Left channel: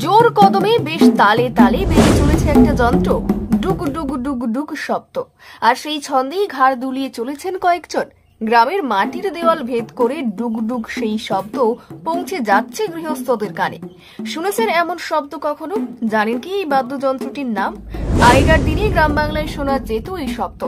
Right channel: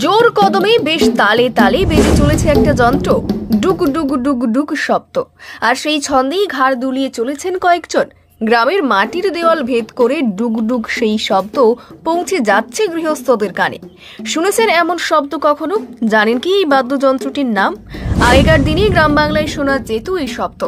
জোর কদমে বেশ তালে তালে বেজে চলেছে একটা যন্ত্র, ডুক ডুক ডুক ডুক শব্দ। আর সেই ছন্দেই ঘাড় দুলিয়ে চলেছেন কয়েকজন। গ্রামের মাটির দেওয়াল ভেদ করে ডুক ডুক সেই শব্দ পৌঁছে যাচ্ছে গৃহস্থদের কানে। শুনেছেন এমন শব্দ কখনো? জানেন কি এই বাদ্যযন্ত্রটির নাম? আগেকার দিনে গ্রাম বাংলায় শোনা যেত এই শব্দ।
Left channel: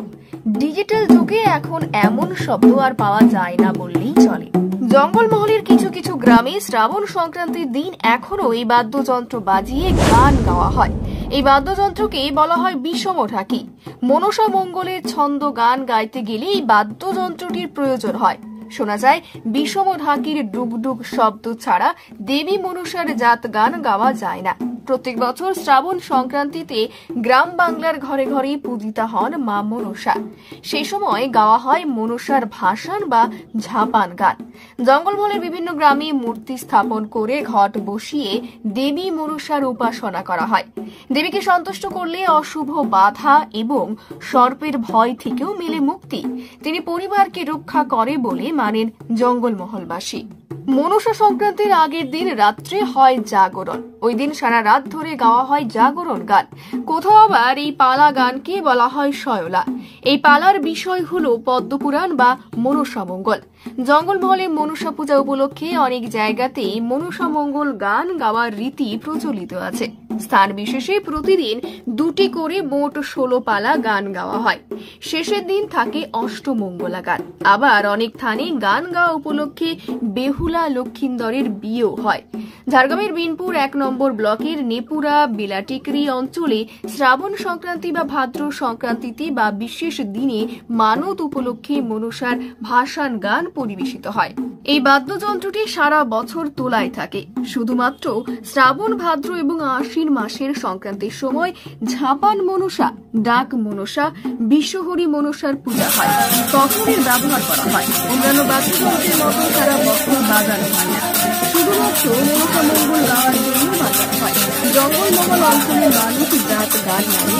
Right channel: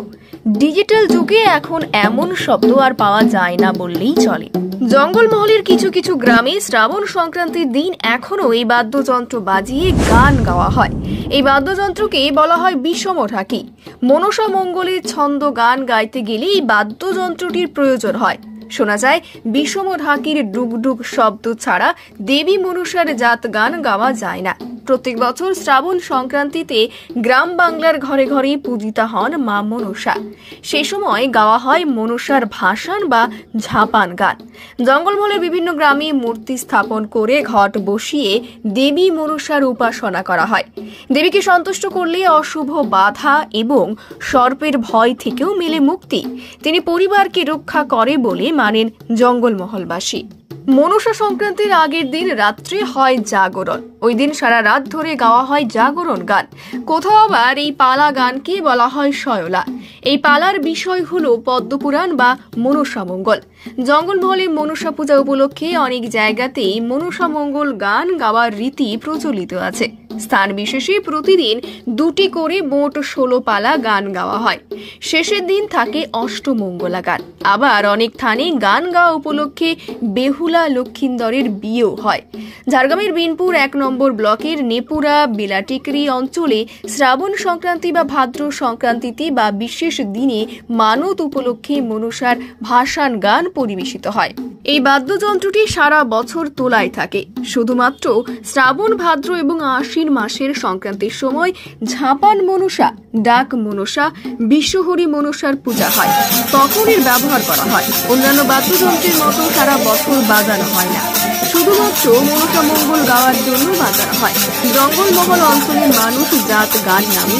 ডিজিটাল যুগে এখন এমন শব্দ আর পাওয়া যায় না বললেই চলে। জঙ্গলমহলের কিছু কিছু গ্রামে শ্রাবণ সংক্রান্তির দিন এখনো এই বাদ্যযন্ত্র বাজিয়ে গান গাওয়া হয়। এই বাদ্যযন্ত্রকে বলা হয় বিষম ঢাকি। মনসা মঙ্গলের ছন্দ গান গাইতে গেলে এই বাদ্যযন্ত্রটির প্রয়োজন হয়। শোনা যায় বিষম ঢাকির ডুগডুগ শব্দ ছাড়া দেবী মনসার জাত গান গাওয়া যায় না। প্রত্যেক বছর শ্রাবণ সংক্রান্তিতে গ্রাম বাংলার ঘরে ঘরে পূজিতা হন মা মনসা। সেই সময় গাওয়া হয় মনসার ভাসান বা ঝাপান গান। জঙ্গলমহলের বিভিন্ন গ্রামে মূর্তি স্থাপন করে ঘট বসিয়ে দেবী মনসার উপাসনা করা হয়। দেবীকে সন্তুষ্ট করলে অশুভ বাধা এবং সর্পের ভয় থেকেও মেলে মুক্তি। তিনি পরিবারকে রক্ষা করে বলে মানেন জঙ্গলমহলবাসী। মনসা সংক্রান্তির আগের দিন রাত্রে হয় জাগরণ। ওই দিন সারা রাত ধরে গাওয়া হয় জাগরণ গান। কোথাও আবার এই পালা গানকে বলা হয় শয়লা। এই পালার বিষয় হলো পদ্মপুরাণ বা মনসা মঙ্গল। জঙ্গলমহলে মনসা পূজা উপলক্ষে অনেক জায়গাতেই মনসা মঙ্গল গান গাওয়ার রীতি প্রচলিত আছে। স্থান বিশেষে প্রতিদিন দুটি করে মোট 16 পালা গান গাওয়া হয়। শেষের দিন থাকে অষ্টমঙ্গলা গান। আবার অনেক স্থানে গান গাওয়া উপলক্ষে বেহুলা লক্ষিন্দরের বিয়েও হয়। ঝাড়গ্রামের বিনপুর 1 নম্বর ব্লকের নেপুরা বিলাটিকরি অঞ্চলে শ্রাবণ সংক্রান্তি বা ভাদ্র সংক্রান্তিতে বা বিশেষ দিনে মানত উপলক্ষে মনসার ভাসান গান পরিবেশিত হয়। এই বাদ্যযন্ত্রটি সারা বছর তোলায় থাকে। শুধুমাত্র শ্রাবণ, ভাদ্র এবং আশ্বিন মাসের সংক্রান্তির সময় ঝাপান মনসা, ডাক মনসা, বিশ্বহরি মনসার পূজা হয়, তখন এর ব্যবহার করা হয়। অন্যান্য বাদ্যযন্ত্রের মতো সারা বছর বাজানো হয় না, শুধুমাত্র মনসা মঙ্গল গাওয়ার জন্য বাজানো হয়। জঙ্গলমহল অঞ্চলের মানুষ জাত গান নামে